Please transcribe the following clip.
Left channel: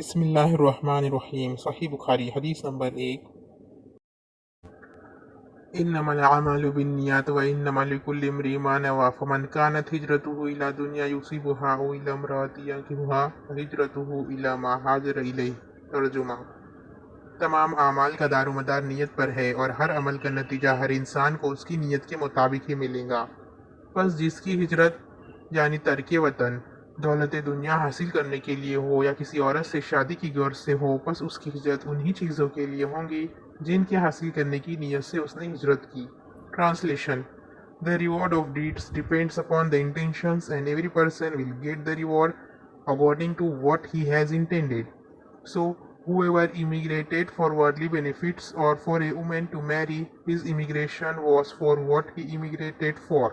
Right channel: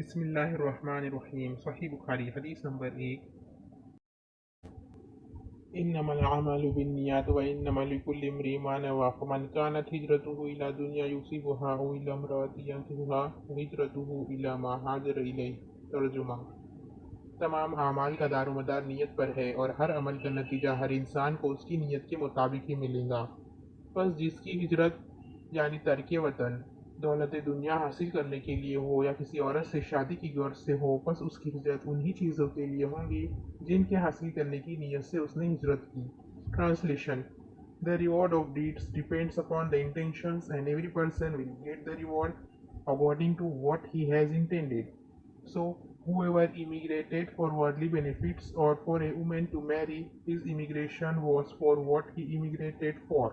बिस्मिल्लाहिर्रहमानिर्रहीम। सही बुखारी हदीस नंबर 1। इन्नमल अमालु बिन्नियात व इन्नमा लिकुल्लि इम्रिइन मा नवा फमन कानत हिजरतुहु इला दुनिया युसिबुहा औ इला इम्राअतिन यंकिहुहा फहिजरतुहु इला मा हाजर इलैहि। तर्जुमा। तमाम आमाल का दारोमदार नीयत पर है और हर अमल का नतीजा हर इंसान को उसकी नीयत के मुताबिक ही मिलेगा। बस जिसकी हिजरत यानी तर्क वतन दौलत दुनिया हासिल करने के लिए हो या किसी औरत से शादी की गर्ज से हो, बस उसकी हिजरत उन्हीं चीज़ों के लिए होंगी जिनके हासिल करने की नीयत से उसने हिजरत की। Translation. The reward of deeds depends upon the intentions and every person will get the reward according to what he has intended. So whoever immigrated for worldly benefits or for a woman to marry, his immigration was for what he immigrated for.